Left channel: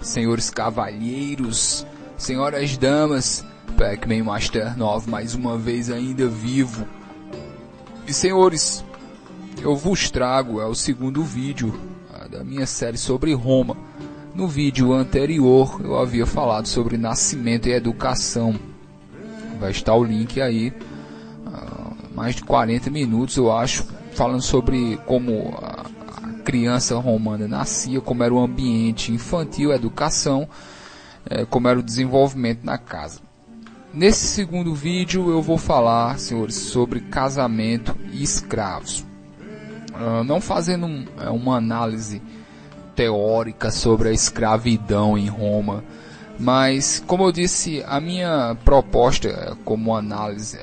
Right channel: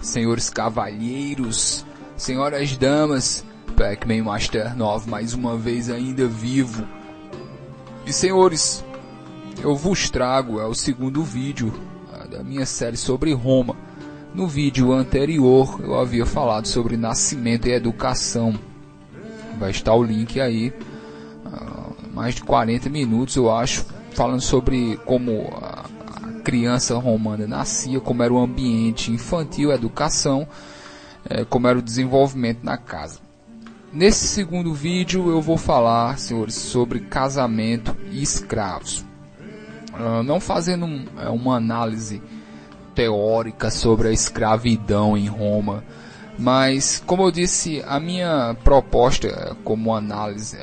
Senhores cavalheiros, senhoras damas, Pac-Man Master 9 mais uma vez ainda vivo. E senhores, eu vos trago o segundo vídeo da minha série sobre Roma. No vídeo anterior eu havia falado sobre nascimento e educação. Vai estar o link aí, mais de 40 minutos eu acho, falando sobre como a criança romana nascia, como era o ambiente infantil, a educação, como era o desenvolvimento na casa. Nesse segundo vídeo eu vou falar, senhores, sobre casamento e escravos. Não fazendo uma análise teórica sobre a escravidão em Roma, mas, como eu disse, a minha proposta como análise,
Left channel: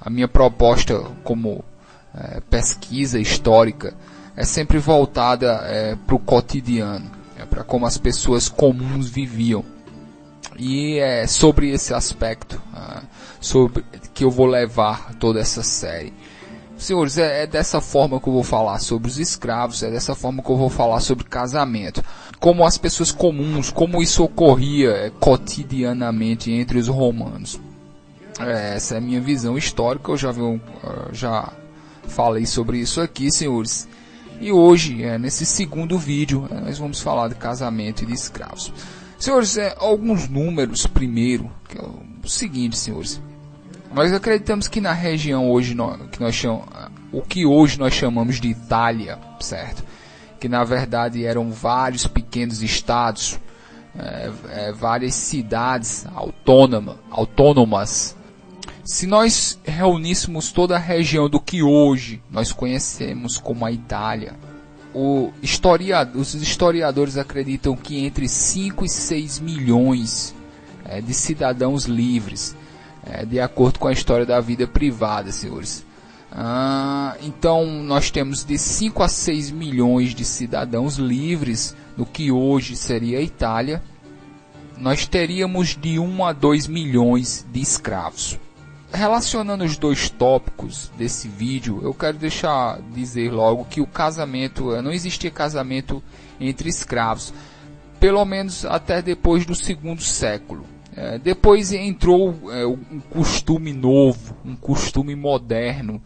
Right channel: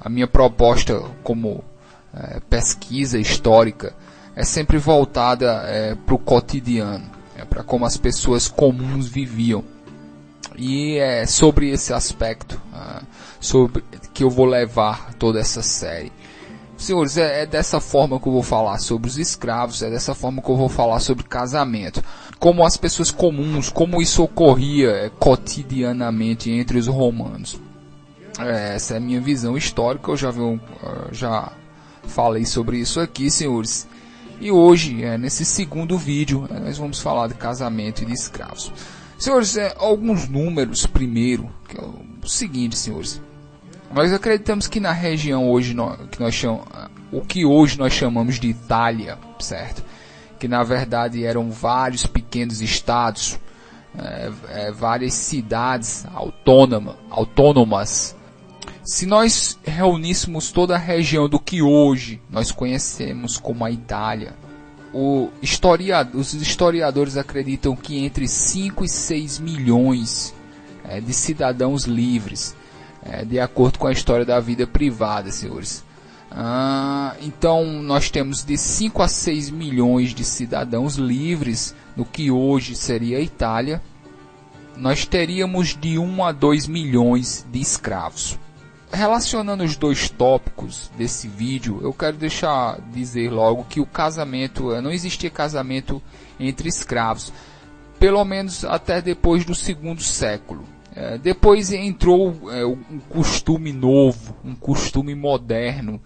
a minha proposta como pesquisa histórica é sempre voltada para o cotidiano, para como as pessoas comuns viviam. E é sobre esse aspecto sobre que eu vou levar toda essa série. Senhores, é dessa forma que eu vou falar sobre os escravos, é dessa forma que eu vou falar sobre casamento. Como as pessoas comuns, como isso ocorria cotidianamente entre os romanos. Essa é a minha visão histórica, eu já falei sobre isso aqui, senhores. E hoje, nesse segundo vídeo, nós vamos falar de casamento e de escravos. Senhores, alguns números primeiro, que é o seguinte, senhores. Nós acreditamos que na região hoje, o que hoje nós chamamos de Itália, certo? Que na verdade eram vários pequenos estados, várias cidades autônomas. Se nós reuníssemos toda a região do que hoje nós conhecemos como a Itália, os historiadores acreditam que entre 5 e 6 milhões de cidadãos livres, de acordo com a história da vida privada, senhores. Então nós temos de 5 a 6 milhões de cidadãos livres no que hoje seria a Itália. Nós teríamos de 1 a 2 milhões de escravos. Relacionando os dois tópicos desse vídeo, eu quero dizer logo que o casamento, não existia casamento entre escravos, pelo menos até depois do segundo século. Depois entrou um costume novo, um costume moderno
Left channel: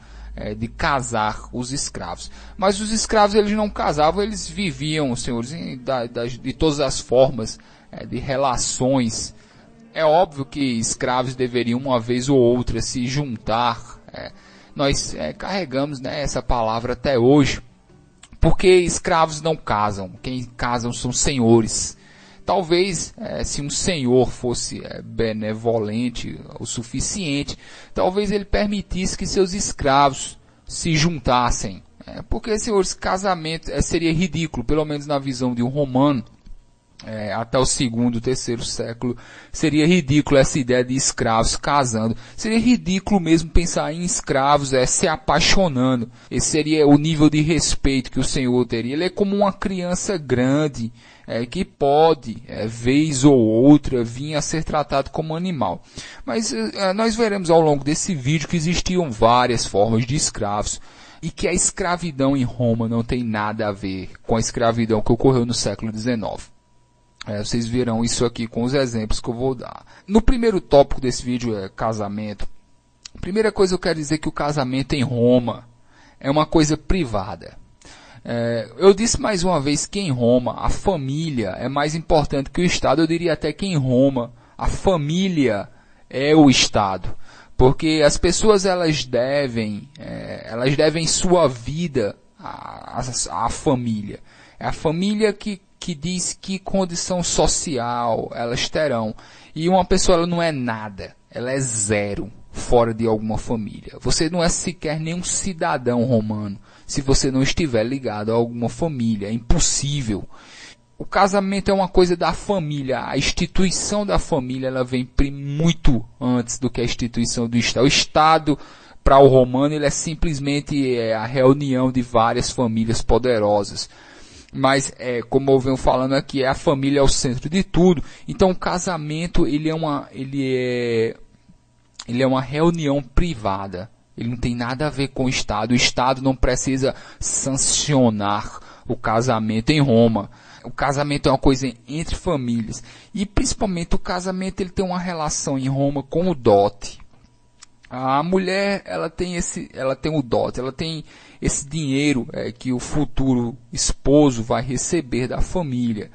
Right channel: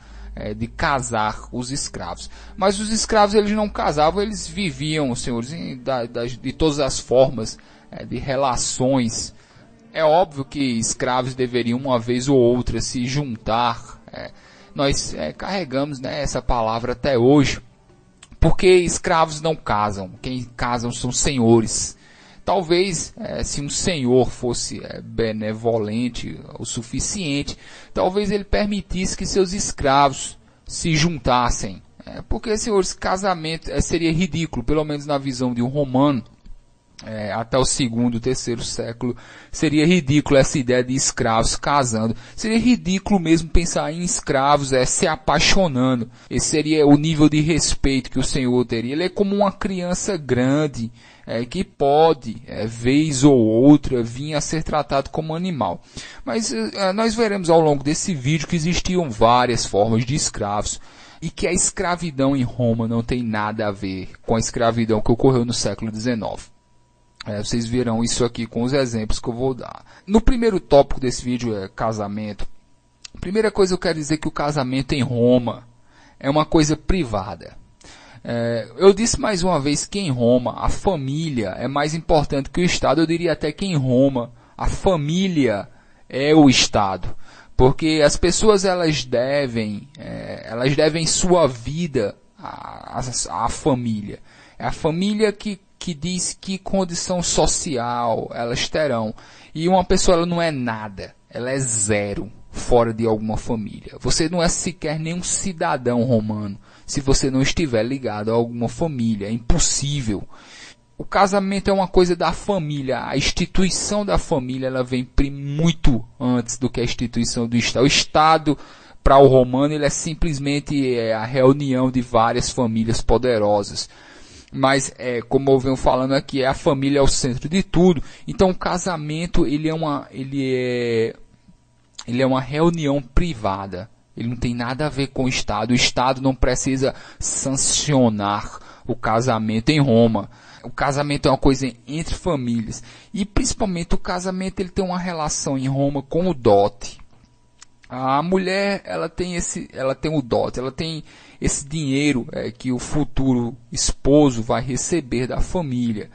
de casar os escravos. Mas os escravos eles não casavam, eles viviam, senhores, de todas as formas de relações. É óbvio que escravos deveriam uma vez ou outra se juntar. Nós carregamos essa palavra até hoje, porque escravos não casam. Quem casam são senhores. Talvez, se um senhor fosse benevolente o suficiente, talvez ele permitisse que seus escravos se juntassem. Porque, senhores, casamento seria ridículo, pelo menos na visão de um romano. Até o segundo, terceiro século, seria ridículo essa ideia de escravos casando. Seria ridículo mesmo pensar em escravos se apaixonando. Esse seria o nível de respeito que o Senhor teria. Ele é como uma criança grande, que pode, vez ou outra, vir a ser tratado como animal. Mas nós veremos ao longo desse vídeo que existiam várias formas de escravos. E que a escravidão em Roma não tem nada a ver com a escravidão que ocorreu no século XIX. Vocês verão isso aqui com os exemplos que eu vou dar. No primeiro tópico desse vídeo casamento. A primeira coisa eu quero dizer que o casamento em Roma é uma coisa privada. Eu disse mais uma vez que em Roma a família é mais importante que o Estado. Eu diria até que em Roma a família é o Estado. Porque as pessoas elas devem sua vida à família. É a família que diz que condição social elas terão. E uma pessoa ela não é nada, ela é zero fora de alguma família. Você não é sequer nenhum cidadão romano se você não estiver ligado a alguma família. É impossível. O casamento é uma coisa da família. A instituição da família ela vem muito antes do que a instituição do Estado. O Estado, para o romano, ele é simplesmente a reunião de várias famílias poderosas. Mas, como eu venho falando aqui, a família é o centro de tudo. Então, o casamento ele é uma reunião privada Ele não tem nada a ver com o Estado. O Estado não precisa sancionar o casamento em Roma. O casamento é uma coisa entre famílias. E principalmente o casamento ele tem uma relação em Roma com o dote. A mulher ela tem o dote, ela tem esse dinheiro que o futuro esposo vai receber da família.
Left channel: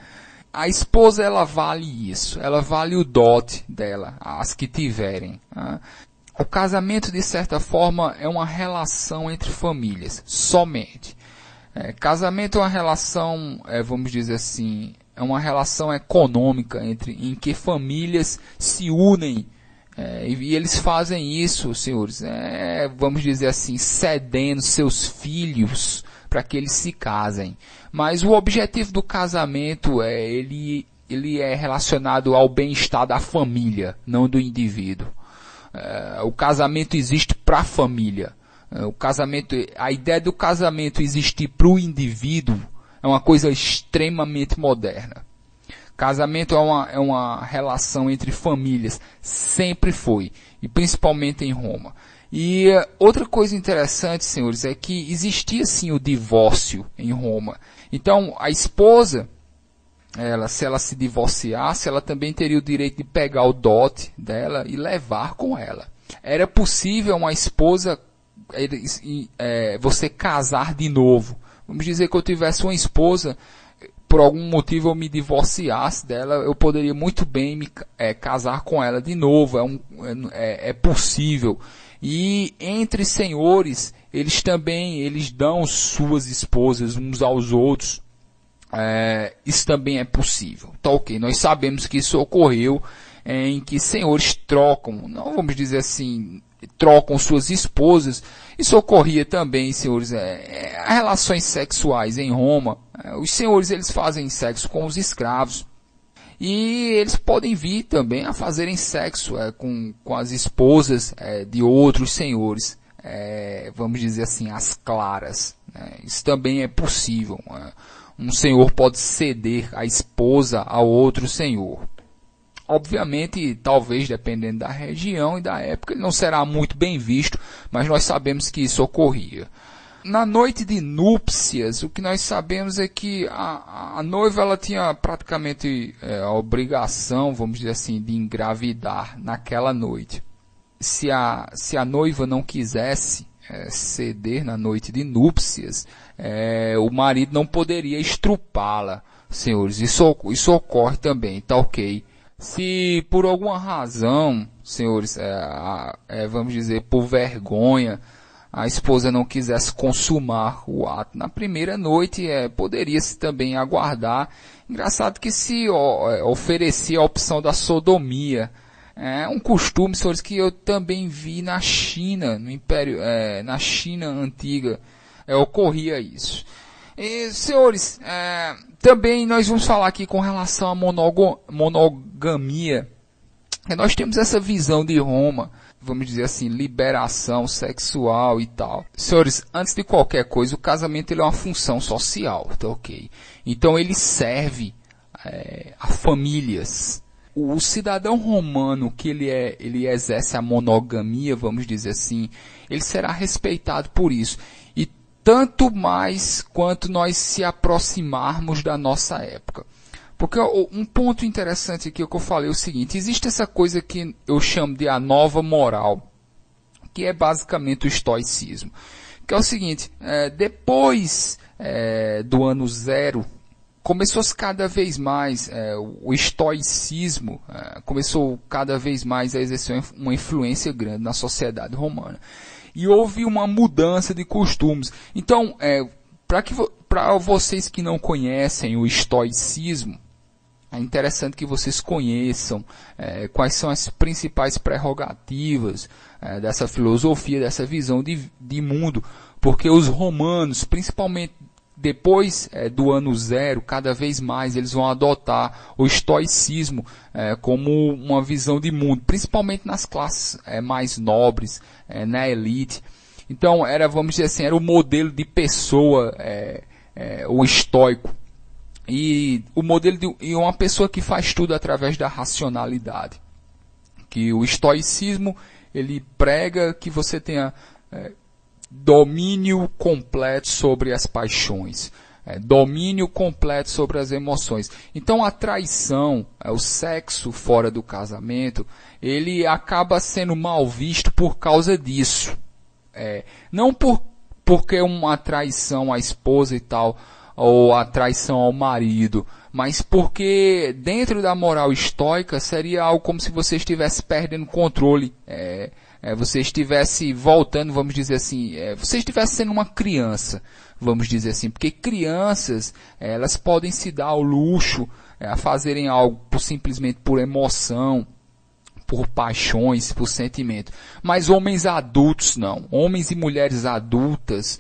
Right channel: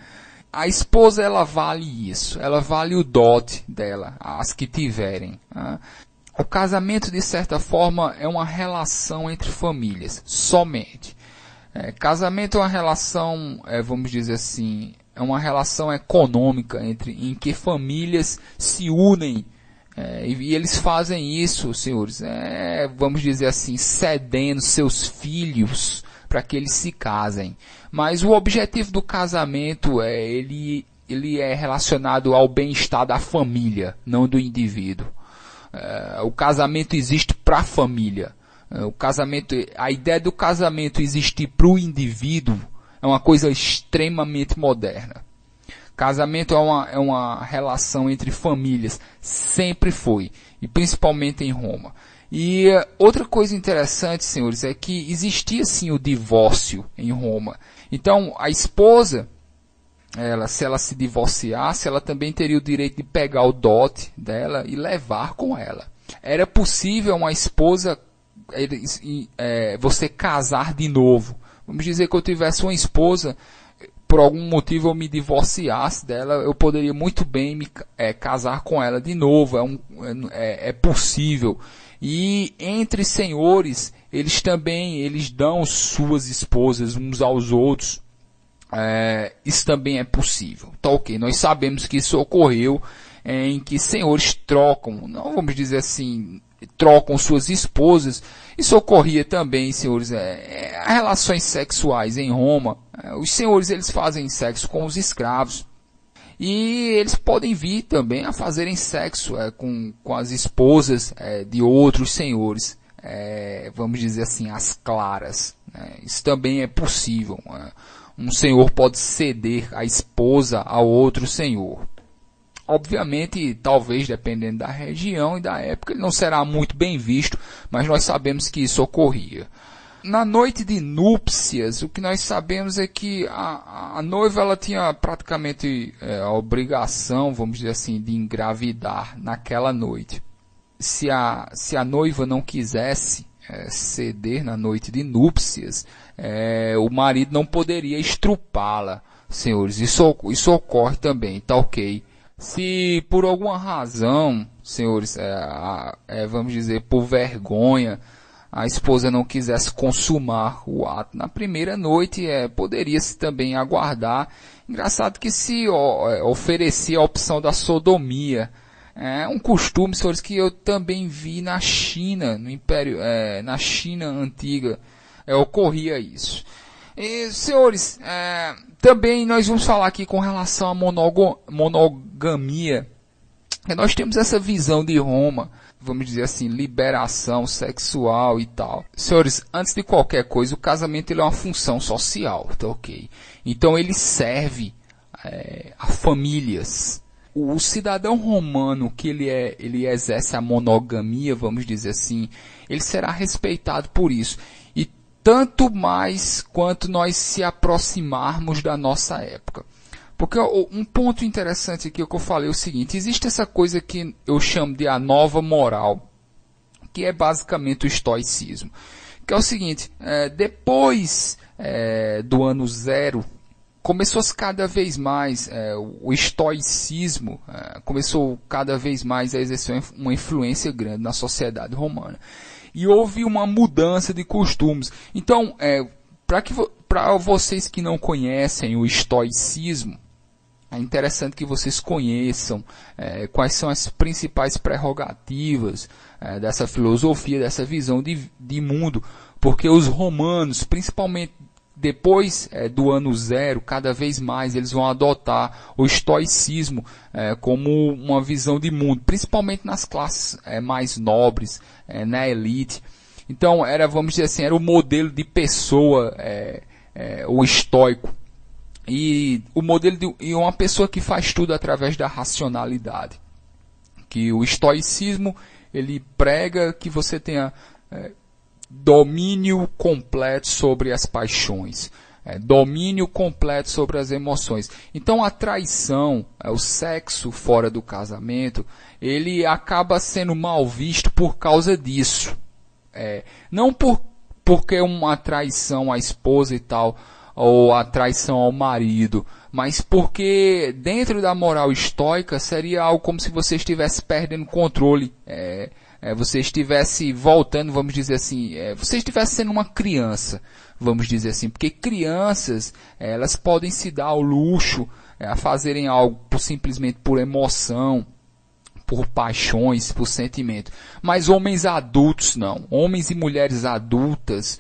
A esposa ela vale isso, ela vale o dote dela, as que tiverem. Tá? O casamento de certa forma é uma relação entre famílias, somente. Casamento é uma relação, vamos dizer assim, é uma relação econômica em que famílias se unem. E eles fazem isso, senhores, vamos dizer assim, cedendo seus filhos para que eles se casem. Mas o objetivo do casamento ele é relacionado ao bem-estar da família, não do indivíduo. O casamento existe para a família. A ideia do casamento existir para o indivíduo é uma coisa extremamente moderna. Casamento é uma relação entre famílias, sempre foi, e principalmente em Roma. E outra coisa interessante, senhores, é que existia sim o divórcio em Roma. Então, a esposa, se ela se divorciasse, ela também teria o direito de pegar o dote dela e levar com ela. Era possível uma esposa, você casar de novo. Vamos dizer que eu tivesse uma esposa, por algum motivo eu me divorciasse dela, eu poderia muito bem me casar com ela de novo. É possível. E entre senhores, eles dão suas esposas uns aos outros. Isso também é possível. Tá ok, nós sabemos que isso ocorreu em que senhores trocam, não vamos dizer assim, trocam suas esposas. Isso ocorria também, senhores, relações sexuais em Roma. Os senhores eles fazem sexo com os escravos. E eles podem vir também a fazerem sexo com as esposas de outros senhores. Vamos dizer assim, as claras. Isso também é possível. Um senhor pode ceder a esposa a outro senhor. Obviamente, talvez dependendo da região e da época, ele não será muito bem visto, mas nós sabemos que isso ocorria. Na noite de núpcias, o que nós sabemos é que a noiva ela tinha praticamente a obrigação, vamos dizer assim, de engravidar naquela noite. Se a noiva não quisesse ceder na noite de núpcias, o marido não poderia estrupá-la, senhores. Isso ocorre também, tá ok? Se por alguma razão, senhores, vamos dizer, por vergonha, a esposa não quisesse consumar o ato na primeira noite, poderia-se também aguardar. Engraçado que se oferecia a opção da sodomia. É um costume, senhores, que eu também vi na China, no Império, na China antiga, ocorria isso. E, senhores, também nós vamos falar aqui com relação à monogamia. Nós temos essa visão de Roma, vamos dizer assim, liberação sexual e tal. Senhores, antes de qualquer coisa, o casamento ele é uma função social, tá ok? Então ele serve a famílias. O cidadão romano que ele exerce a monogamia, vamos dizer assim, ele será respeitado por isso. E tanto mais quanto nós se aproximarmos da nossa época. Porque um ponto interessante aqui que eu falei é o seguinte: existe essa coisa que eu chamo de a nova moral, que é basicamente o estoicismo. Que é o seguinte, depois do ano zero, começou-se cada vez mais, o estoicismo começou cada vez mais a exercer uma influência grande na sociedade romana. E houve uma mudança de costumes. Então, para vocês que não conhecem o estoicismo, é interessante que vocês conheçam quais são as principais prerrogativas dessa filosofia, dessa visão de mundo, porque os romanos, principalmente depois do ano zero, cada vez mais eles vão adotar o estoicismo como uma visão de mundo, principalmente nas classes mais nobres, na elite. Então, vamos dizer assim, era o modelo de pessoa, o estoico. E o modelo de uma pessoa que faz tudo através da racionalidade. Que o estoicismo, ele prega que você tenha domínio completo sobre as paixões, domínio completo sobre as emoções. Então a traição, o sexo fora do casamento, ele acaba sendo mal visto por causa disso. Não porque uma traição à esposa e tal, ou a traição ao marido, mas porque dentro da moral estoica seria algo como se você estivesse perdendo controle, você estivesse voltando, vamos dizer assim, você estivesse sendo uma criança, vamos dizer assim, porque crianças, elas podem se dar ao luxo a fazerem algo simplesmente por emoção, por paixões, por sentimento. Mas homens adultos não. Homens e mulheres adultas,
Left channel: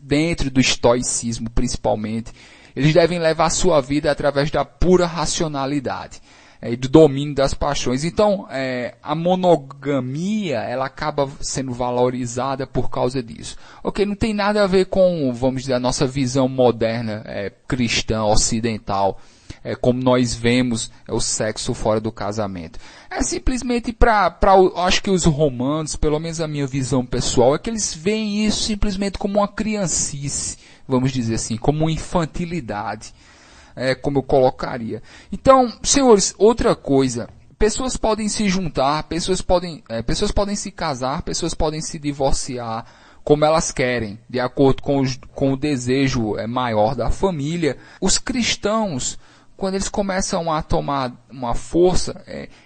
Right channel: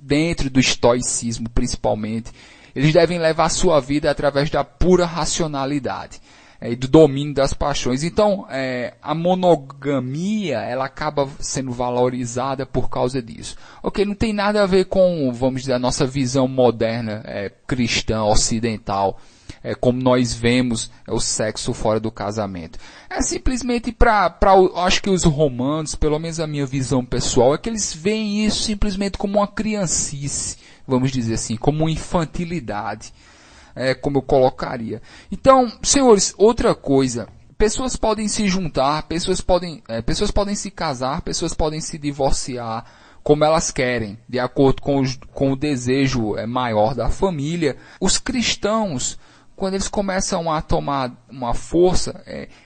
dentro do estoicismo principalmente, eles devem levar a sua vida através da pura racionalidade e do domínio das paixões. Então, a monogamia, ela acaba sendo valorizada por causa disso. Ok, não tem nada a ver com, vamos dizer, a nossa visão moderna, cristã, ocidental, como nós vemos o sexo fora do casamento. É simplesmente acho que os romanos, pelo menos a minha visão pessoal, é que eles veem isso simplesmente como uma criancice, vamos dizer assim, como uma infantilidade, como eu colocaria. Então, senhores, outra coisa, pessoas podem se juntar, pessoas podem se casar, pessoas podem se divorciar, como elas querem, de acordo com o desejo maior da família. Os cristãos, quando eles começam a tomar uma força,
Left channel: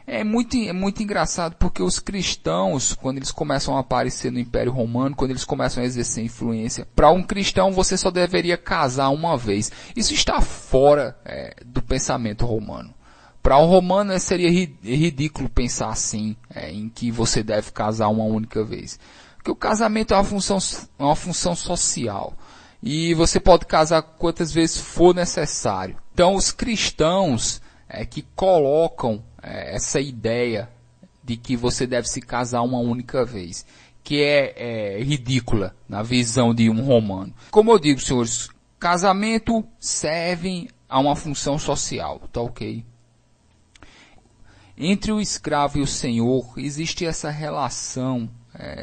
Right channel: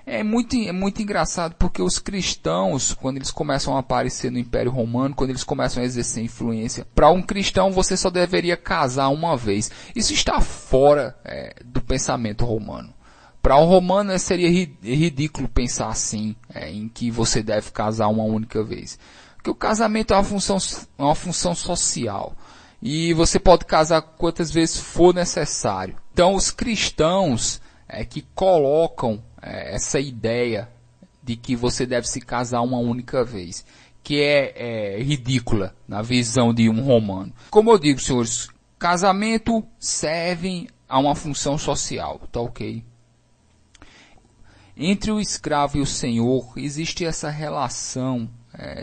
é muito engraçado, porque os cristãos, quando eles começam a aparecer no Império Romano, quando eles começam a exercer influência, para um cristão você só deveria casar uma vez. Isso está fora do pensamento romano. Para um romano seria ridículo pensar assim, em que você deve casar uma única vez. Porque o casamento é uma função social. E você pode casar quantas vezes for necessário. Então, os cristãos que colocam essa ideia de que você deve se casar uma única vez, que é ridícula na visão de um romano. Como eu digo, senhores, casamento serve a uma função social, tá ok? Entre o escravo e o senhor existe essa relação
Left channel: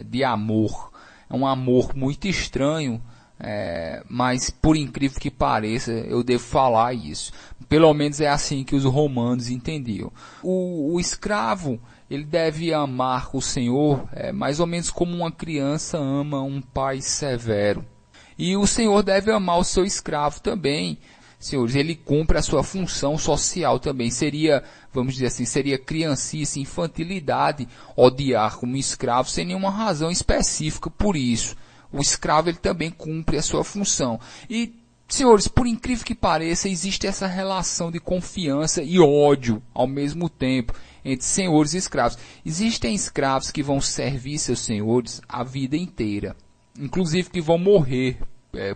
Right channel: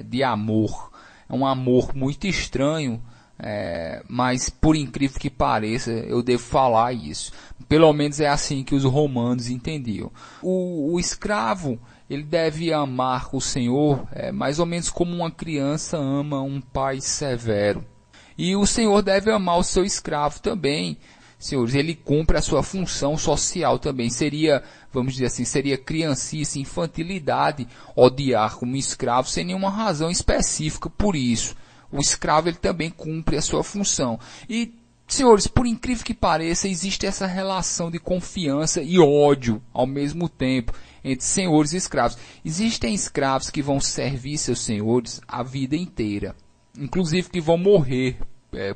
de amor. É um amor muito estranho, mas por incrível que pareça, eu devo falar isso. Pelo menos é assim que os romanos entendiam. O escravo, ele deve amar o senhor mais ou menos como uma criança ama um pai severo. E o senhor deve amar o seu escravo também. Senhores, ele cumpre a sua função social também. Seria, vamos dizer assim, seria criancice, infantilidade odiar um escravo sem nenhuma razão específica por isso. O escravo, ele também cumpre a sua função. E, senhores, por incrível que pareça, existe essa relação de confiança e ódio ao mesmo tempo entre senhores e escravos. Existem escravos que vão servir seus senhores a vida inteira, inclusive que vão morrer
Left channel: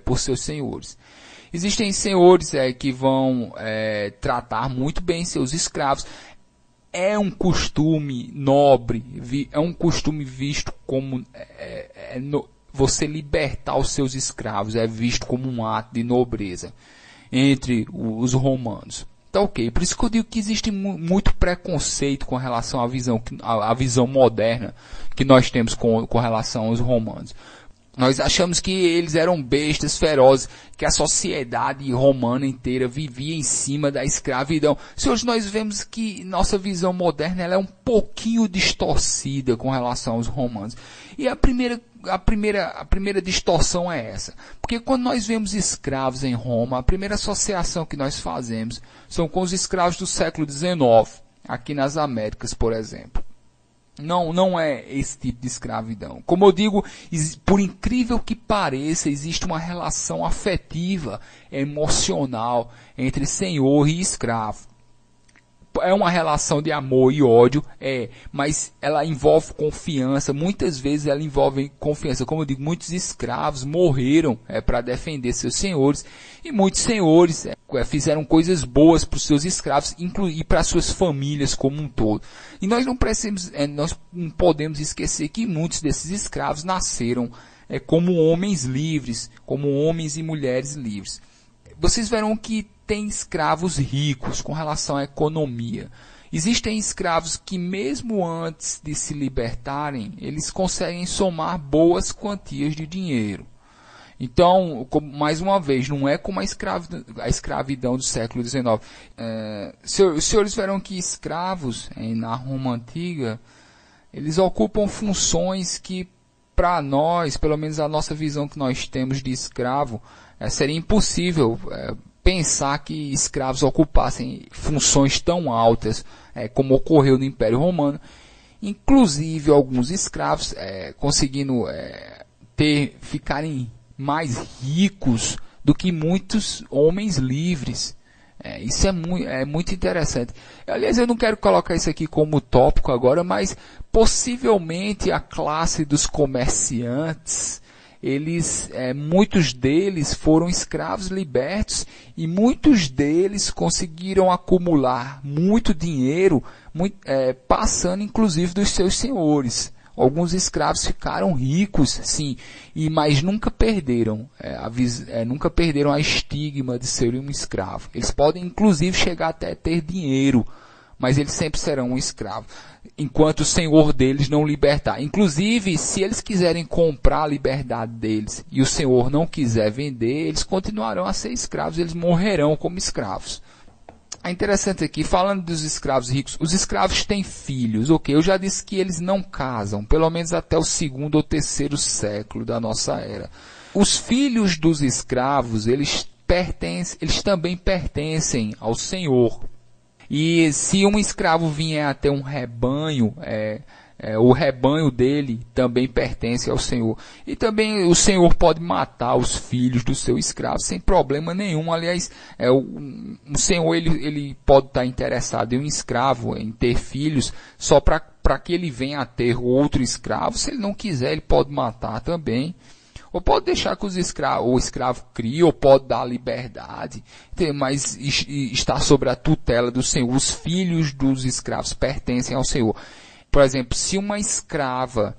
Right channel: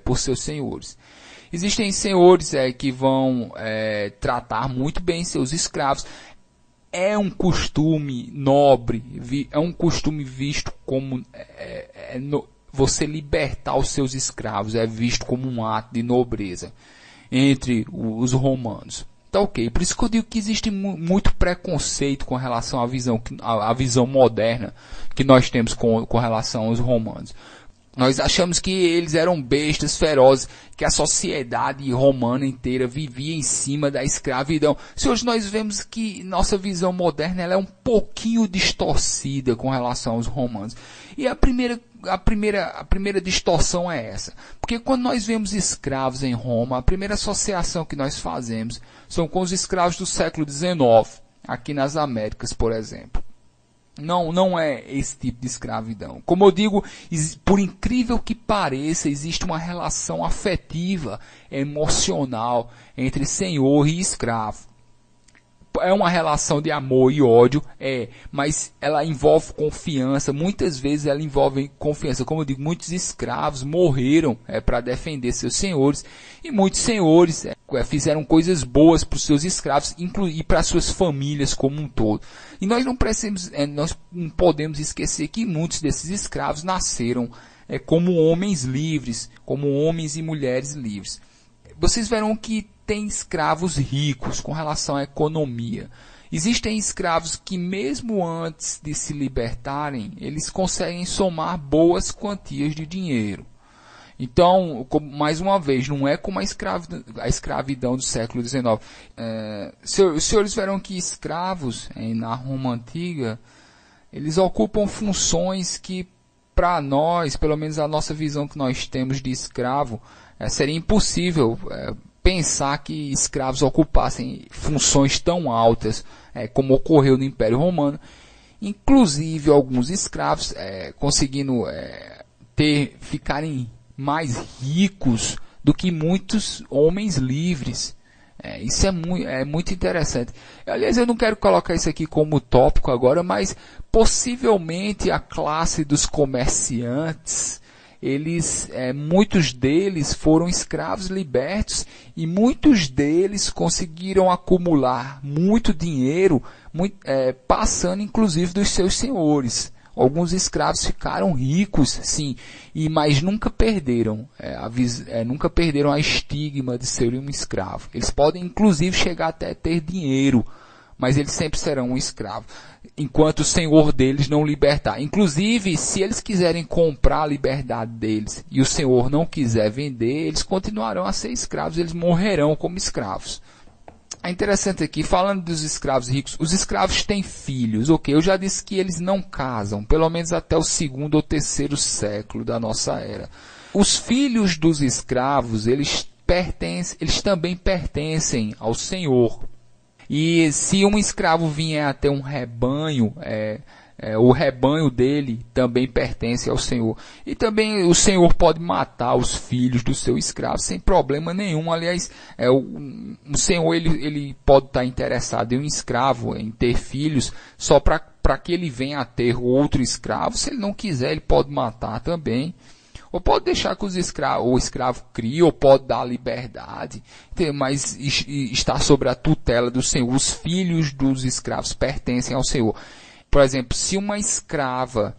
por seus senhores. Existem senhores que vão tratar muito bem seus escravos. É um costume nobre, é um costume visto como você libertar os seus escravos, é visto como um ato de nobreza entre os romanos. Tá ok, por isso que eu digo que existe muito preconceito com relação à visão moderna que nós temos com relação aos romanos. Nós achamos que eles eram bestas ferozes, que a sociedade romana inteira vivia em cima da escravidão. Se hoje nós vemos que nossa visão moderna ela é um pouquinho distorcida com relação aos romanos. E a primeira distorção é essa. Porque quando nós vemos escravos em Roma, a primeira associação que nós fazemos são com os escravos do século XIX, aqui nas Américas, por exemplo. Não é esse tipo de escravidão. Como eu digo, por incrível que pareça, existe uma relação afetiva, emocional entre senhor e escravo. É uma relação de amor e ódio, mas ela envolve confiança. Muitas vezes ela envolve confiança. Como eu digo, muitos escravos morreram para defender seus senhores. E muitos senhores fizeram coisas boas para os seus escravos e para suas famílias como um todo. E nós não podemos esquecer que muitos desses escravos nasceram como homens livres, como homens e mulheres livres. Vocês verão que tem escravos ricos com relação à economia. Existem escravos que mesmo antes de se libertarem, eles conseguem somar boas quantias de dinheiro. Então, mais uma vez, não é como a escravidão do século XIX. Os senhores verão que escravos, na Roma Antiga, eles ocupam funções que, para nós, pelo menos a nossa visão que nós temos de escravo, seria impossível pensar que escravos ocupassem funções tão altas como ocorreu no Império Romano. Inclusive, alguns escravos conseguindo ficarem mais ricos do que muitos homens livres. Isso é muito interessante. Aliás, eu não quero colocar isso aqui como tópico agora, mas possivelmente a classe dos comerciantes, muitos deles foram escravos libertos e muitos deles conseguiram acumular muito dinheiro, passando inclusive dos seus senhores. Alguns escravos ficaram ricos, sim, mas nunca perderam, nunca perderam a estigma de serem um escravo. Eles podem, inclusive, chegar até ter dinheiro, mas eles sempre serão um escravo, enquanto o senhor deles não libertar. Inclusive, se eles quiserem comprar a liberdade deles e o senhor não quiser vender, eles continuarão a ser escravos, eles morrerão como escravos. É interessante aqui, falando dos escravos ricos, os escravos têm filhos, ok? Eu já disse que eles não casam, pelo menos até o 2º ou 3º século da nossa era. Os filhos dos escravos, eles também pertencem ao senhor. E se um escravo vier até um rebanho, o rebanho dele também pertence ao senhor. E também o senhor pode matar os filhos do seu escravo sem problema nenhum. Aliás, o senhor ele pode estar interessado em um escravo, em ter filhos, só para que ele venha a ter outro escravo. Se ele não quiser, ele pode matar também. Ou pode deixar que o escravo crie, ou pode dar liberdade, mas está sob a tutela do senhor. Os filhos dos escravos pertencem ao senhor. Por exemplo, se uma escrava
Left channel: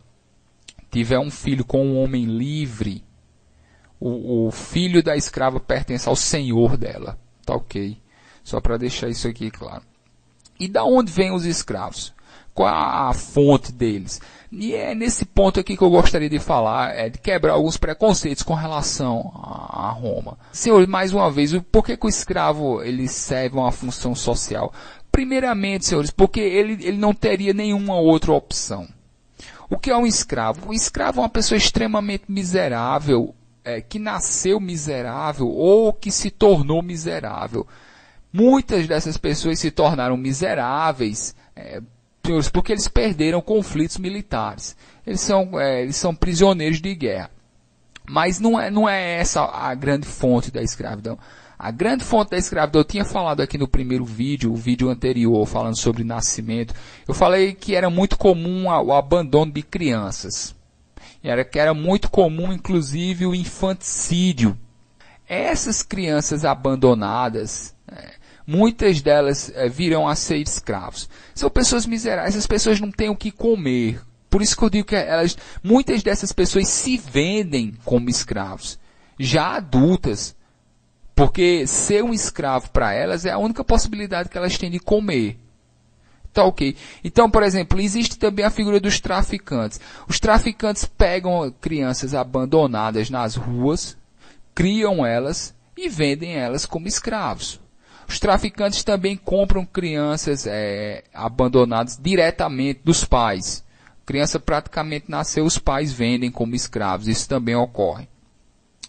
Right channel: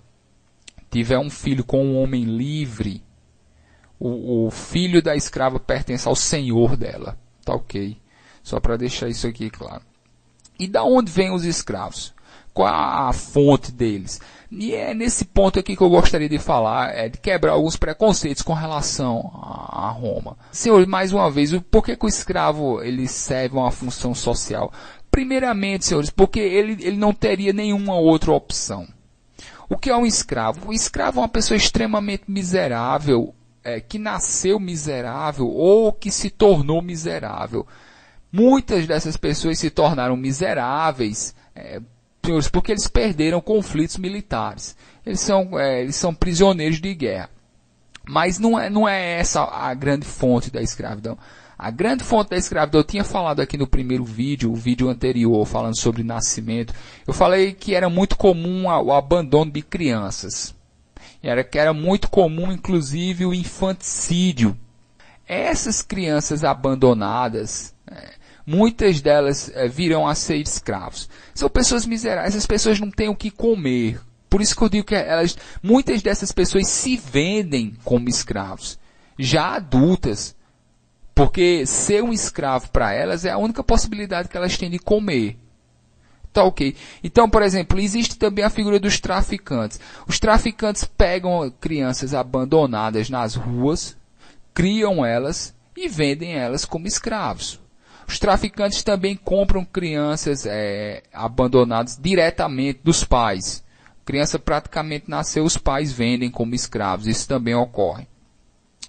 tiver um filho com um homem livre, o filho da escrava pertence ao senhor dela. Tá ok? Só para deixar isso aqui claro. E da onde vêm os escravos? Qual a fonte deles? E é nesse ponto aqui que eu gostaria de falar, de quebrar alguns preconceitos com relação a Roma. Senhor, mais uma vez, por que o escravo ele serve uma função social? Primeiramente, senhores, porque ele não teria nenhuma outra opção. O que é um escravo? Um escravo é uma pessoa extremamente miserável, que nasceu miserável ou que se tornou miserável. Muitas dessas pessoas se tornaram miseráveis, porque eles perderam conflitos militares. Eles são prisioneiros de guerra. Mas não é essa a grande fonte da escravidão. A grande fonte da escravidão, eu tinha falado aqui no primeiro vídeo, o vídeo anterior, falando sobre nascimento. Eu falei que era muito comum o abandono de crianças. Que era muito comum, inclusive, o infanticídio. Essas crianças abandonadas, muitas delas virão a ser escravos. São pessoas miseráveis, essas pessoas não têm o que comer. Por isso que eu digo que muitas dessas pessoas se vendem como escravos, já adultas. Porque ser um escravo para elas é a única possibilidade que elas têm de comer. Tá ok. Então, por exemplo, existe também a figura dos traficantes. Os traficantes pegam crianças abandonadas nas ruas, criam elas e vendem elas como escravos. Os traficantes também compram crianças abandonadas diretamente dos pais. A criança praticamente nasceu, os pais vendem como escravos. Isso também ocorre.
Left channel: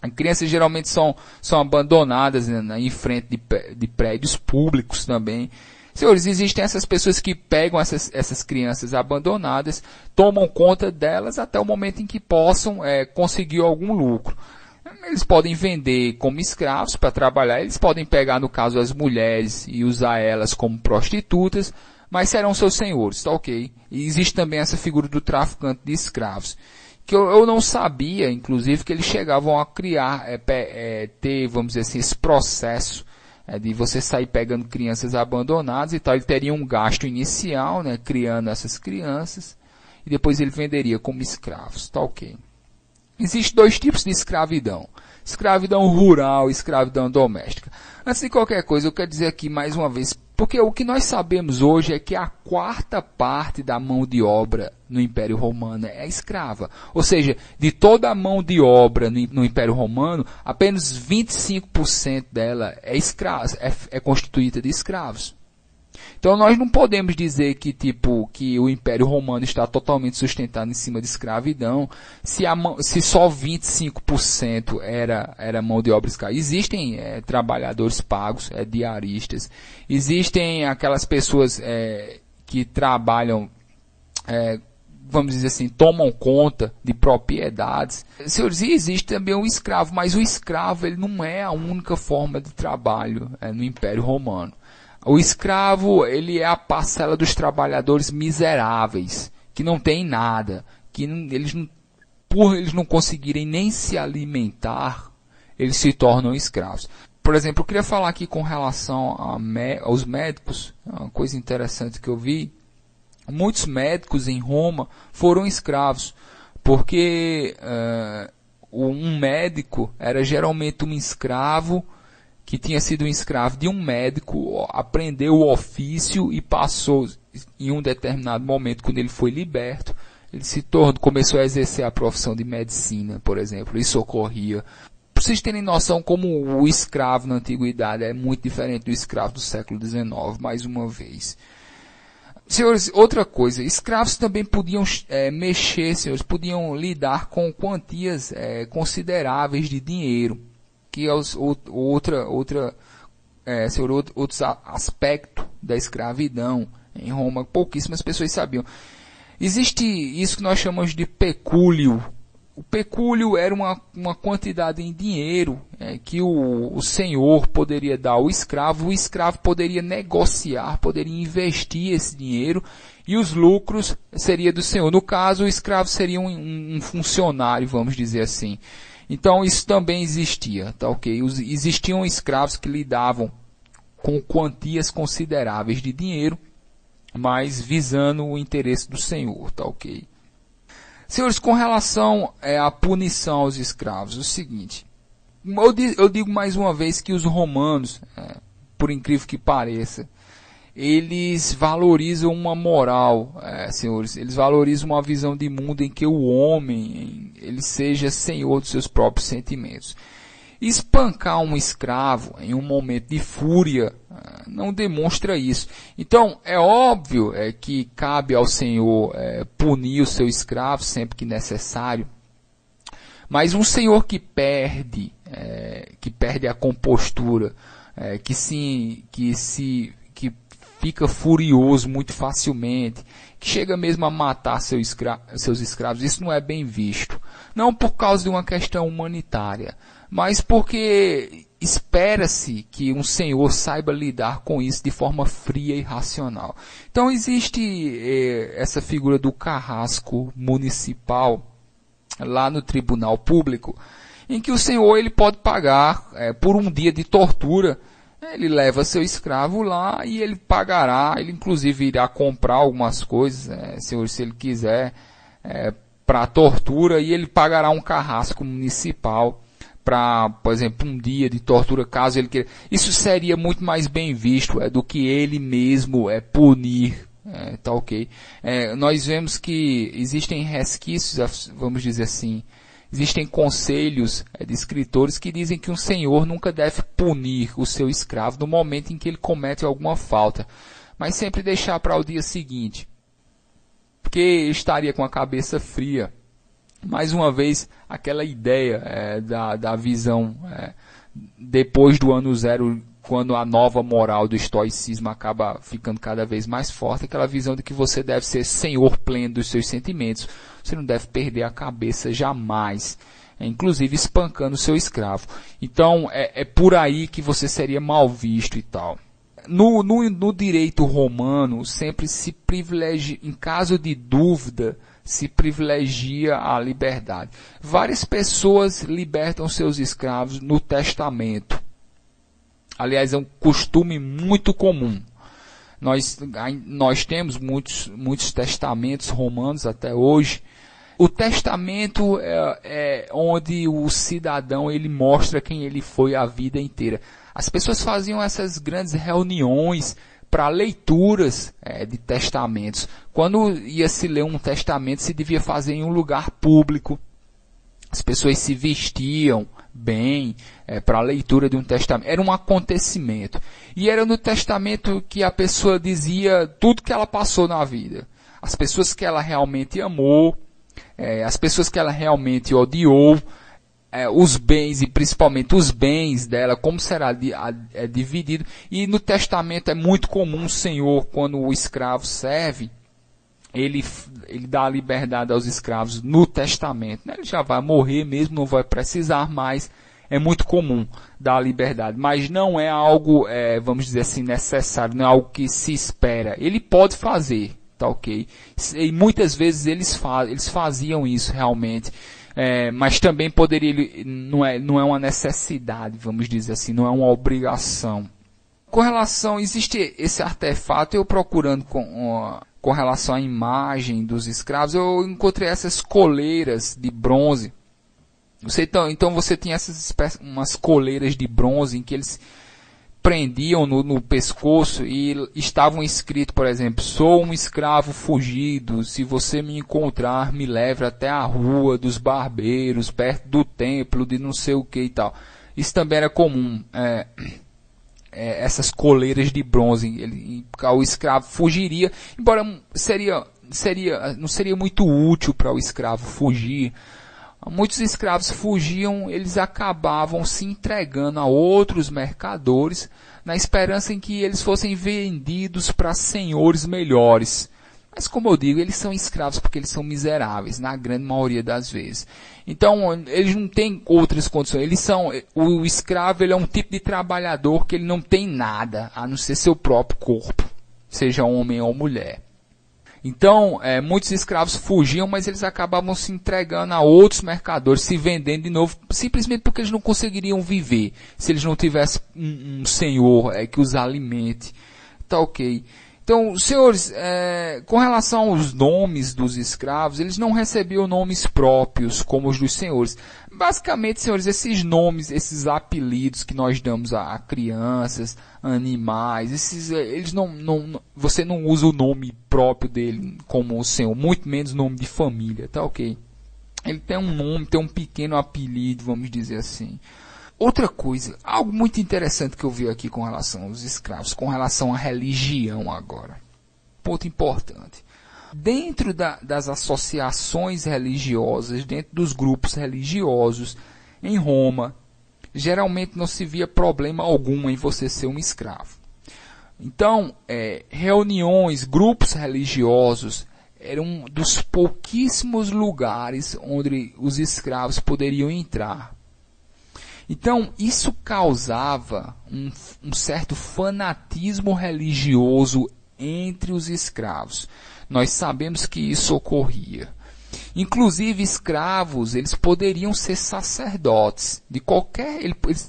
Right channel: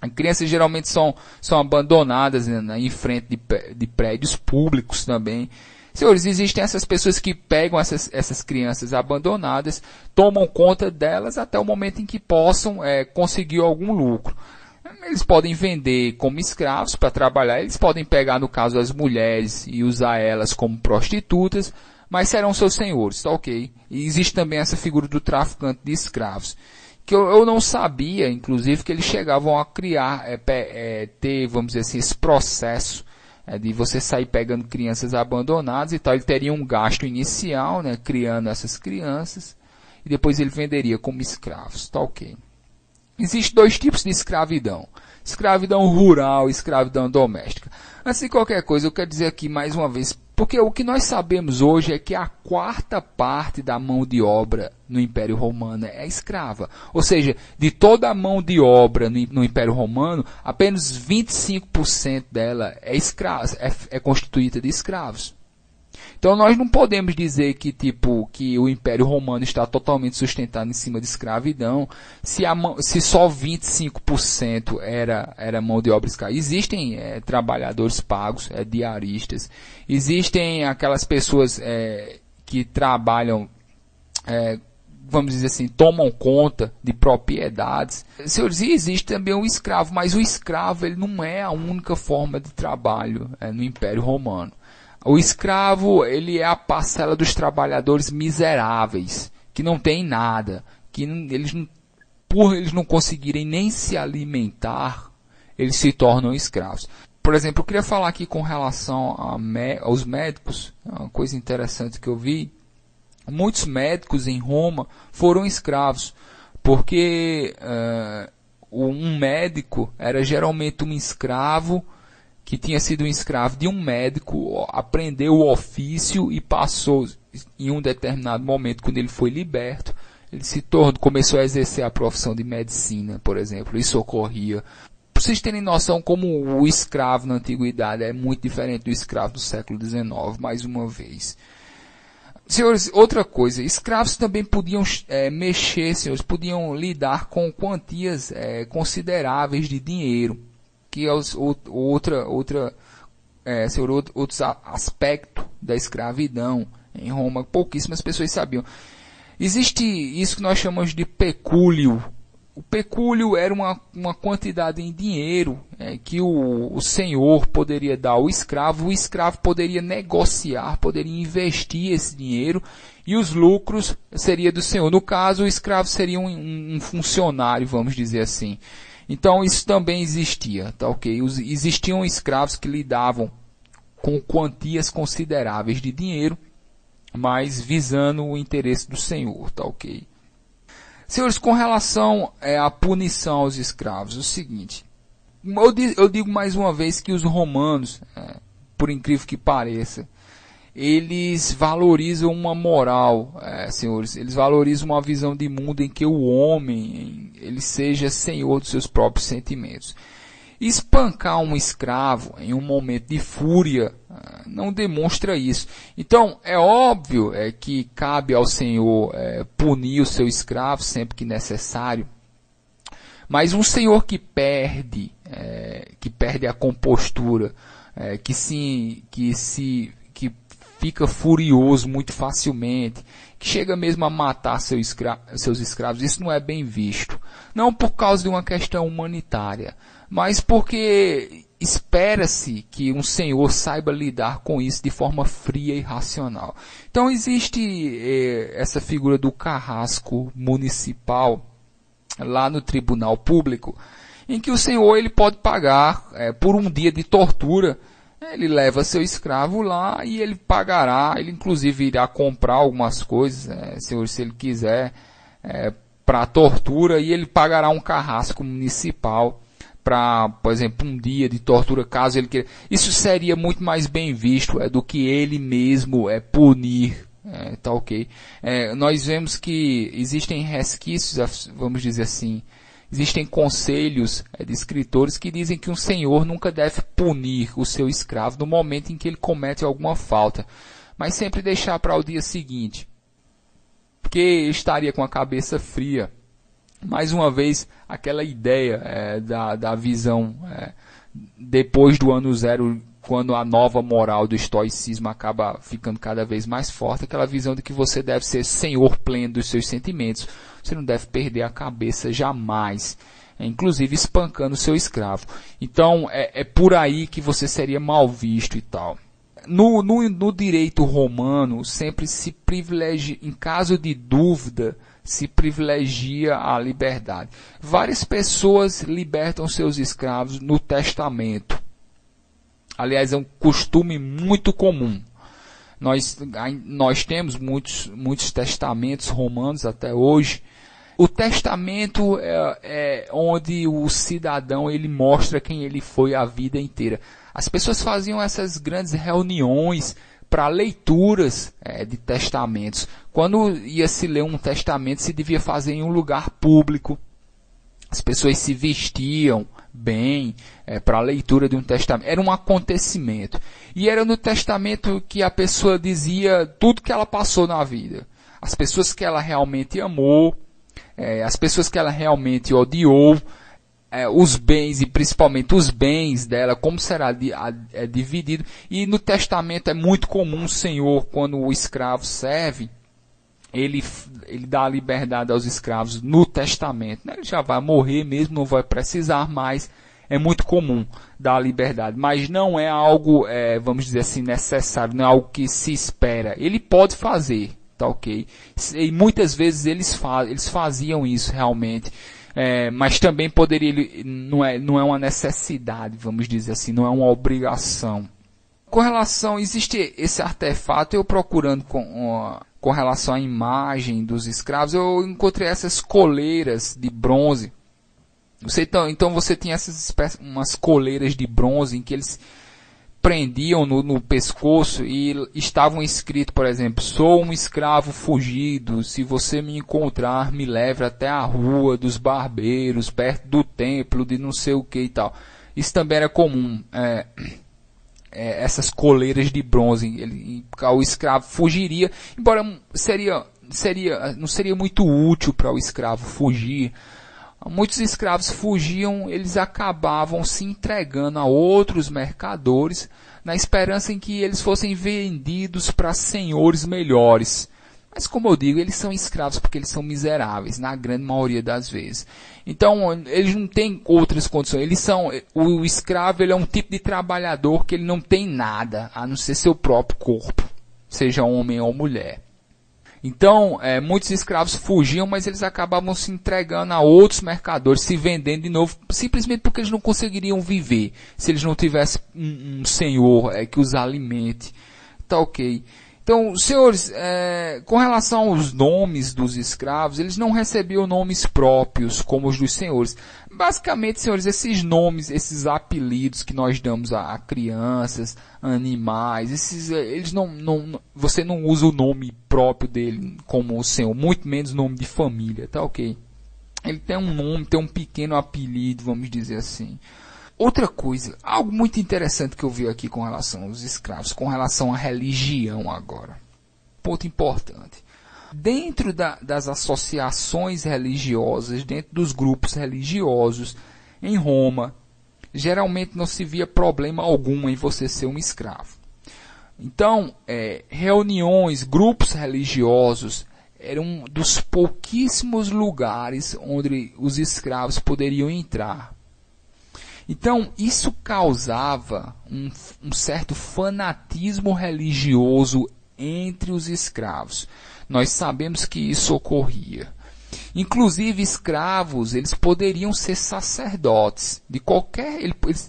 As crianças geralmente são abandonadas em frente de prédios públicos também. Senhores, existem essas pessoas que pegam essas crianças abandonadas, tomam conta delas até o momento em que possam conseguir algum lucro. Eles podem vender como escravos para trabalhar, eles podem pegar, no caso, as mulheres e usar elas como prostitutas, mas serão seus senhores, tá ok? E existe também essa figura do traficante de escravos, que eu não sabia, inclusive, que eles chegavam a criar, ter, vamos dizer assim, esse processo de você sair pegando crianças abandonadas e tal. Ele teria um gasto inicial, criando essas crianças, e depois ele venderia como escravos, tá ok? Existem dois tipos de escravidão. Escravidão rural e escravidão doméstica. Antes de qualquer coisa, eu quero dizer aqui mais uma vez, Porque o que nós sabemos hoje é que a quarta parte da mão de obra no Império Romano é escrava. Ou seja, de toda a mão de obra no Império Romano, apenas 25% dela é constituída de escravos. Então nós não podemos dizer que o Império Romano está totalmente sustentado em cima de escravidão, se só 25% era mão de obra escrava. Existem trabalhadores pagos, diaristas, existem aquelas pessoas que trabalham, vamos dizer assim, tomam conta de propriedades. Senhores, e existe também o escravo, mas o escravo ele não é a única forma de trabalho no Império Romano. O escravo, ele é a parcela dos trabalhadores miseráveis, que não tem nada, por eles não conseguirem nem se alimentar, eles se tornam escravos. Por exemplo, eu queria falar aqui com relação aos médicos, uma coisa interessante que eu vi. Muitos médicos em Roma foram escravos, porque um médico era geralmente um escravo, que tinha sido um escravo de um médico, aprendeu o ofício e passou, em um determinado momento, quando ele foi liberto, ele começou a exercer a profissão de medicina, por exemplo, e socorria. Para vocês terem noção como o escravo na antiguidade é muito diferente do escravo do século XIX, mais uma vez. Senhores, outra coisa, escravos também podiam senhores, podiam lidar com quantias consideráveis de dinheiro, que é outro aspecto da escravidão. Em Roma, pouquíssimas pessoas sabiam. Existe isso que nós chamamos de pecúlio. O pecúlio era uma quantidade em dinheiro que o senhor poderia dar ao escravo. O escravo poderia negociar, poderia investir esse dinheiro e os lucros seria do senhor. No caso, o escravo seria um funcionário, vamos dizer assim. Então isso também existia, tá ok? Existiam escravos que lidavam com quantias consideráveis de dinheiro, mas visando o interesse do senhor, tá ok? Senhores, com relação à punição aos escravos, é o seguinte, eu digo mais uma vez que os romanos, por incrível que pareça, eles valorizam uma moral, senhores, eles valorizam uma visão de mundo em que o homem ele seja senhor dos seus próprios sentimentos. Espancar um escravo em um momento de fúria não demonstra isso. Então, é óbvio que cabe ao senhor punir o seu escravo sempre que necessário, mas um senhor que perde a compostura, que fica furioso muito facilmente, que chega mesmo a matar seus escravos, isso não é bem visto. Não por causa de uma questão humanitária, mas porque espera-se que um senhor saiba lidar com isso de forma fria e racional. Então existe essa figura do carrasco municipal lá no tribunal público, em que o senhor ele pode pagar por um dia de tortura. Ele leva seu escravo lá e ele pagará, ele inclusive irá comprar algumas coisas, se ele quiser, para a tortura, e ele pagará um carrasco municipal para, por exemplo, um dia de tortura, caso ele queira. Isso seria muito mais bem visto do que ele mesmo punir. Tá ok? Nós vemos que existem resquícios, vamos dizer assim, existem conselhos de escritores que dizem que um senhor nunca deve punir o seu escravo no momento em que ele comete alguma falta, mas sempre deixar para o dia seguinte, porque estaria com a cabeça fria. Mais uma vez, aquela ideia da visão depois do ano zero, quando a nova moral do estoicismo acaba ficando cada vez mais forte, aquela visão de que você deve ser senhor pleno dos seus sentimentos, você não deve perder a cabeça jamais, inclusive espancando o seu escravo. Então, é por aí que você seria mal visto e tal. No direito romano, sempre se privilegia, em caso de dúvida, se privilegia a liberdade. Várias pessoas libertam seus escravos no testamento. Aliás, é um costume muito comum. Nós temos muitos testamentos romanos até hoje. O testamento é onde o cidadão ele mostra quem ele foi a vida inteira. As pessoas faziam essas grandes reuniões para leituras de testamentos. Quando ia se ler um testamento, se devia fazer em um lugar público. As pessoas se vestiam bem para a leitura de um testamento. Era um acontecimento. E era no testamento que a pessoa dizia tudo que ela passou na vida. As pessoas que ela realmente amou, as pessoas que ela realmente odiou, os bens e principalmente os bens dela, como será dividido. E no testamento é muito comum o senhor, quando o escravo serve, ele dá liberdade aos escravos no testamento. Né? Ele já vai morrer mesmo, não vai precisar mais. É muito comum dar liberdade, mas não é algo, vamos dizer assim, necessário, não é algo que se espera. Ele pode fazer, tá ok? E muitas vezes eles faziam isso realmente. Mas também poderia, não é uma necessidade, vamos dizer assim, não é uma obrigação. Com relação, existe esse artefato, eu procurando com relação à imagem dos escravos, eu encontrei essas coleiras de bronze. Então você tinha umas coleiras de bronze em que eles prendiam no pescoço e estavam escritos, por exemplo, sou um escravo fugido, se você me encontrar, me leve até a rua dos barbeiros, perto do templo, de não sei o que e tal. Isso também era comum, essas coleiras de bronze, o escravo fugiria, embora não seria muito útil para o escravo fugir. Muitos escravos fugiam, eles acabavam se entregando a outros mercadores, na esperança em que eles fossem vendidos para senhores melhores. Mas como eu digo, eles são escravos porque eles são miseráveis, na grande maioria das vezes. Então, eles não têm outras condições. O escravo ele é um tipo de trabalhador que ele não tem nada, a não ser seu próprio corpo, seja homem ou mulher. Então, muitos escravos fugiam, mas eles acabavam se entregando a outros mercadores, se vendendo de novo, simplesmente porque eles não conseguiriam viver, se eles não tivessem um senhor que os alimente. Tá ok. Então, senhores, com relação aos nomes dos escravos, eles não recebiam nomes próprios, como os dos senhores. Basicamente, senhores, esses nomes, esses apelidos que nós damos a crianças, animais, você não usa o nome próprio dele como o senhor, muito menos nome de família, tá ok? Ele tem um nome, tem um pequeno apelido, vamos dizer assim. Outra coisa, algo muito interessante que eu vi aqui com relação aos escravos, com relação à religião agora. Ponto importante. Dentro das associações religiosas, dentro dos grupos religiosos em Roma, geralmente não se via problema algum em você ser um escravo. Então, reuniões, grupos religiosos eram um dos pouquíssimos lugares onde os escravos poderiam entrar. Então, isso causava um certo fanatismo religioso entre os escravos. Nós sabemos que isso ocorria. Inclusive, escravos, eles poderiam ser sacerdotes.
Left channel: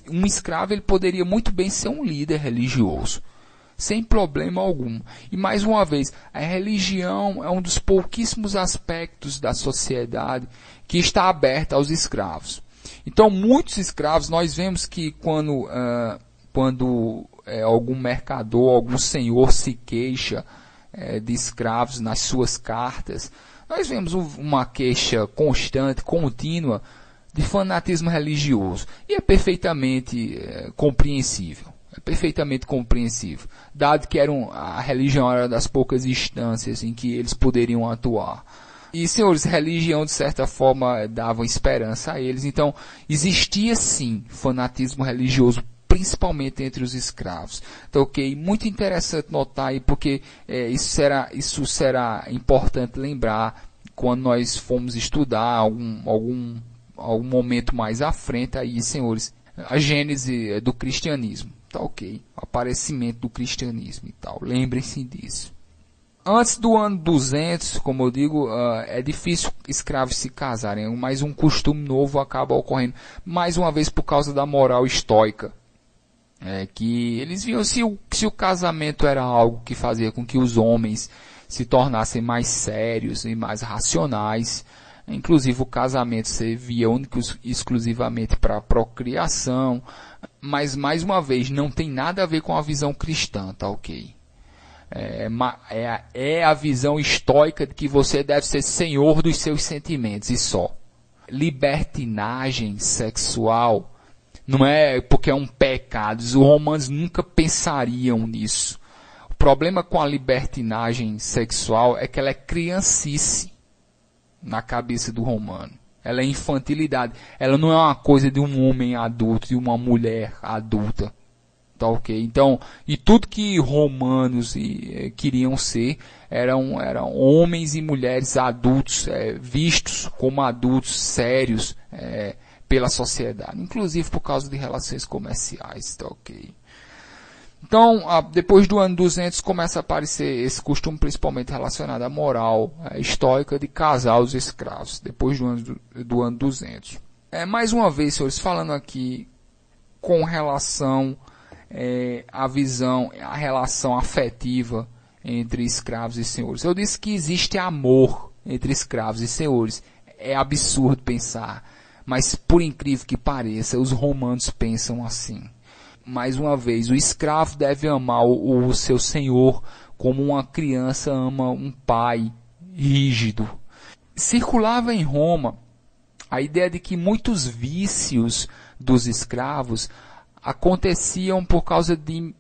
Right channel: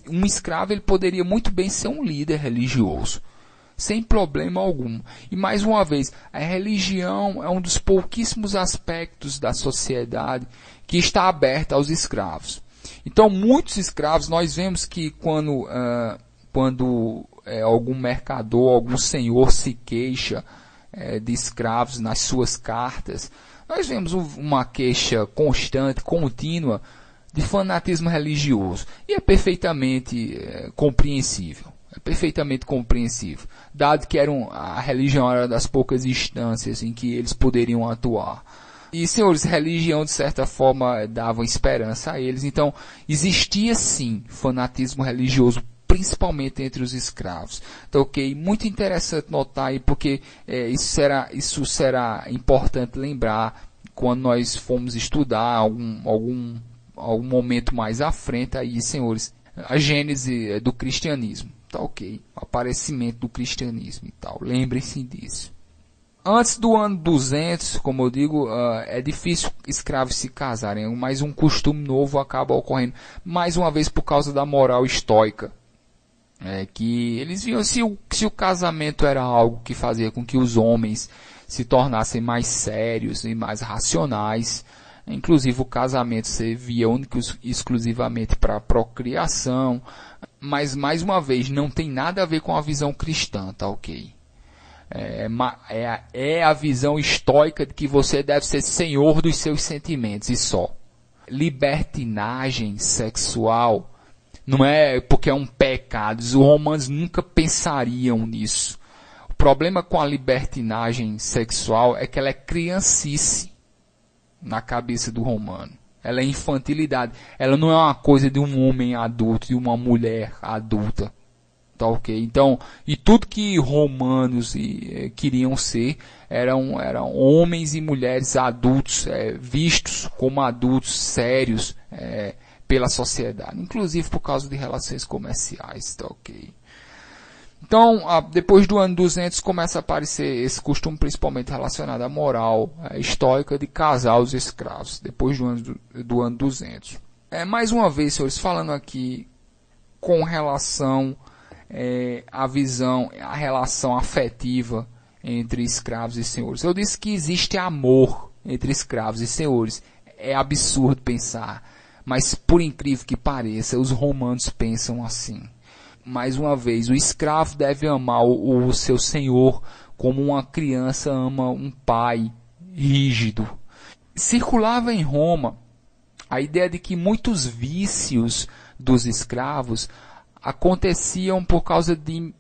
Um escravo ele poderia muito bem ser um líder religioso, sem problema algum. E mais uma vez, a religião é um dos pouquíssimos aspectos da sociedade que está aberta aos escravos. Então, muitos escravos, nós vemos que quando algum mercador, algum senhor se queixa de escravos nas suas cartas, nós vemos uma queixa constante, contínua, de fanatismo religioso. E é perfeitamente compreensível. É perfeitamente compreensível, dado que a religião era das poucas instâncias em que eles poderiam atuar. E, senhores, religião, de certa forma, dava esperança a eles. Então, existia, sim, fanatismo religioso, principalmente entre os escravos. Então, ok, muito interessante notar aí, porque isso será importante lembrar quando nós formos estudar algum momento mais à frente, aí, senhores, a gênese do cristianismo. Tá ok, o aparecimento do cristianismo e tal. Lembrem-se disso. Antes do ano 200, como eu digo, é difícil escravos se casarem, mas um costume novo acaba ocorrendo, mais uma vez por causa da moral estoica. Que eles viam se o casamento era algo que fazia com que os homens se tornassem mais sérios e mais racionais. Inclusive o casamento servia único e exclusivamente para a procriação, mas mais uma vez não tem nada a ver com a visão cristã, tá ok? É a visão estoica de que você deve ser senhor dos seus sentimentos e só. Libertinagem sexual não é porque é um pecado. Os romanos nunca pensariam nisso. O problema com a libertinagem sexual é que ela é criancice na cabeça do romano. Ela é infantilidade. Ela não é uma coisa de um homem adulto, de uma mulher adulta. Tá ok? Então, e tudo que romanos queriam ser eram homens e mulheres adultos, vistos como adultos sérios pela sociedade, inclusive por causa de relações comerciais. Tá ok? Então, depois do ano 200 começa a aparecer esse costume principalmente relacionado à moral estoica de casar os escravos, depois do ano 200. Mais uma vez, senhores, falando aqui com relação a relação afetiva entre escravos e senhores. Eu disse que existe amor entre escravos e senhores. É absurdo pensar, mas por incrível que pareça, os romanos pensam assim. Mais uma vez, o escravo deve amar o seu senhor como uma criança ama um pai rígido. Circulava em Roma a ideia de que muitos vícios dos escravos aconteciam por causa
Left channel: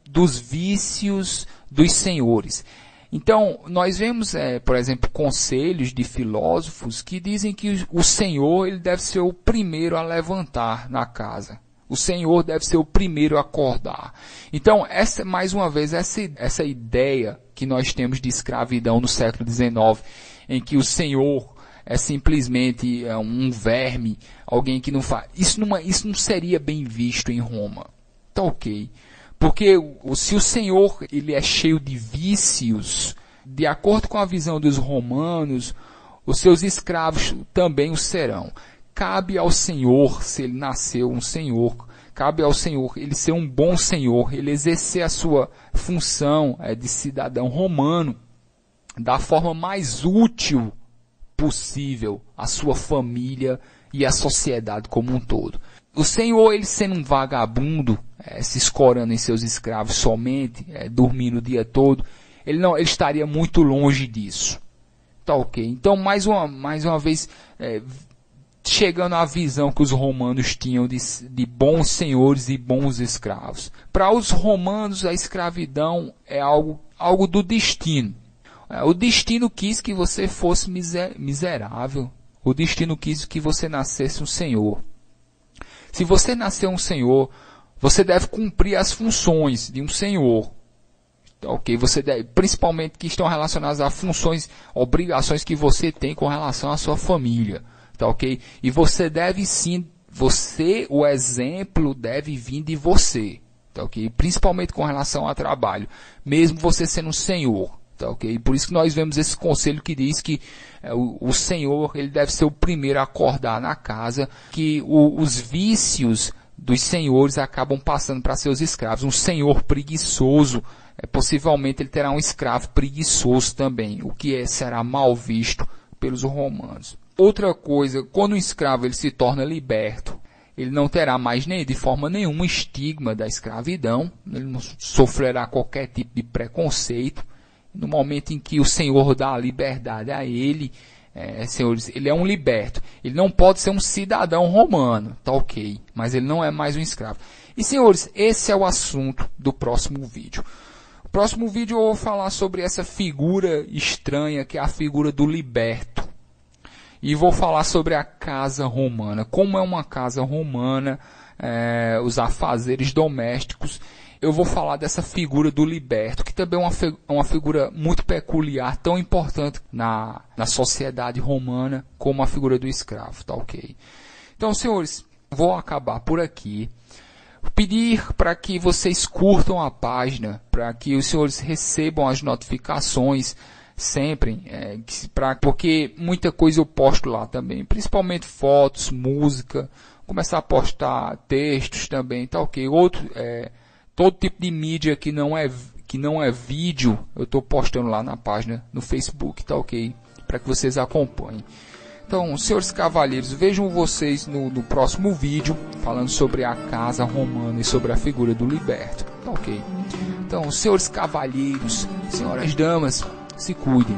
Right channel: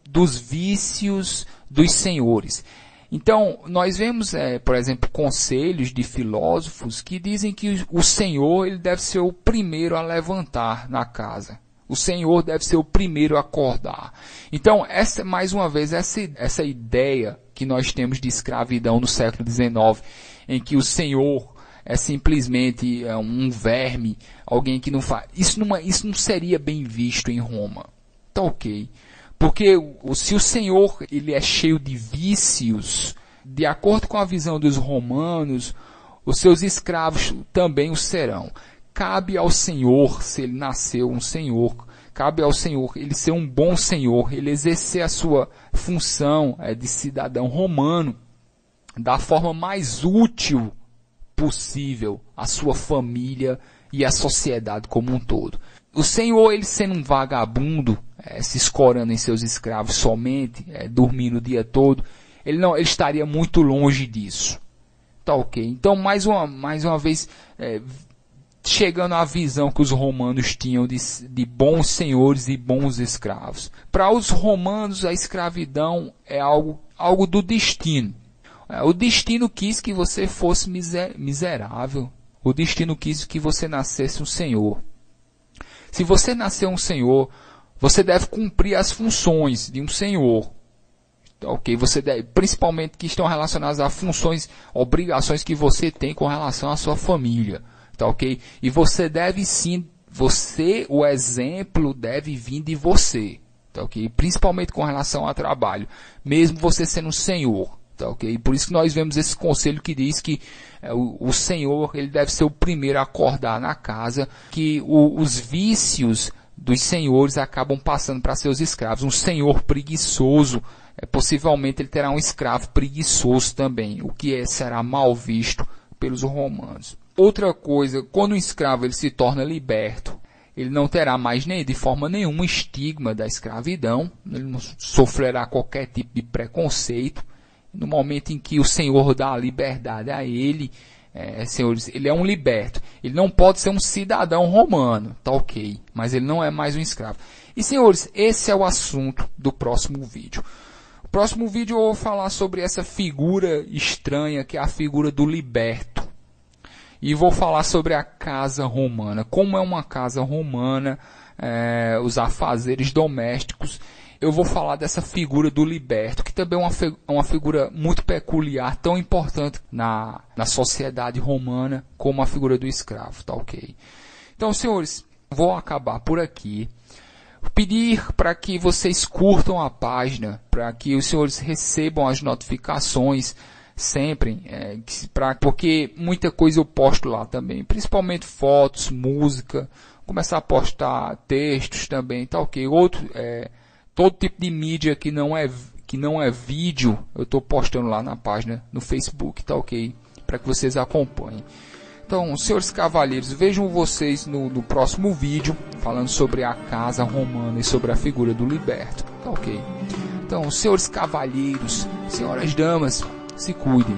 dos vícios dos senhores. Então, nós vemos, por exemplo, conselhos de filósofos que dizem que o senhor ele deve ser o primeiro a levantar na casa. O senhor deve ser o primeiro a acordar. Então, mais uma vez, essa ideia que nós temos de escravidão no século XIX, em que o senhor é simplesmente um verme, alguém que não faz. Isso não seria bem visto em Roma. Tá ok. Porque se o senhor ele é cheio de vícios, de acordo com a visão dos romanos, os seus escravos também o serão. Cabe ao senhor, se ele nasceu um senhor, cabe ao senhor ele ser um bom senhor, ele exercer a sua função de cidadão romano da forma mais útil possível à sua família e à sociedade como um todo. O senhor, ele sendo um vagabundo, se escorando em seus escravos somente, dormindo o dia todo, ele estaria muito longe disso. Tá ok? Então, mais uma vez, chegando à visão que os romanos tinham de bons senhores e bons escravos. Para os romanos, a escravidão é algo do destino. O destino quis que você fosse miserável. O destino quis que você nascesse um senhor. Se você nascer um senhor, você deve cumprir as funções de um senhor. Ok? Você deve, principalmente que estão relacionadas a funções, obrigações que você tem com relação à sua família. Tá ok? E você deve sim, o exemplo deve vir de você. Tá ok? Principalmente com relação ao trabalho. Mesmo você sendo um senhor. Tá ok? Por isso que nós vemos esse conselho que diz que o senhor ele deve ser o primeiro a acordar na casa, que os vícios dos senhores acabam passando para seus escravos. Um senhor preguiçoso, possivelmente ele terá um escravo preguiçoso também, o que será mal visto pelos romanos. Outra coisa, quando o escravo ele se torna liberto, ele não terá mais de forma nenhuma estigma da escravidão, ele não sofrerá qualquer tipo de preconceito. No momento em que o senhor dá a liberdade a ele, senhores, ele é um liberto. Ele não pode ser um cidadão romano, tá ok, mas ele não é mais um escravo. E senhores, esse é o assunto do próximo vídeo. No próximo vídeo eu vou falar sobre essa figura estranha que é a figura do liberto. E vou falar sobre a casa romana, como é uma casa romana, os afazeres domésticos. Eu vou falar dessa figura do liberto, que também é uma figura muito peculiar, tão importante na sociedade romana como a figura do escravo, tá ok? Então, senhores, vou acabar por aqui. Pedir para que vocês curtam a página, para que os senhores recebam as notificações sempre, porque muita coisa eu posto lá também, principalmente fotos, música, começar a postar textos também, tá ok? Todo tipo de mídia que não é vídeo, eu estou postando lá na página no Facebook, tá ok? Para que vocês acompanhem. Então, senhores cavalheiros, vejam vocês no próximo vídeo, falando sobre a casa romana e sobre a figura do liberto, tá ok? Então, Então, senhores cavalheiros, senhoras damas, se cuidem.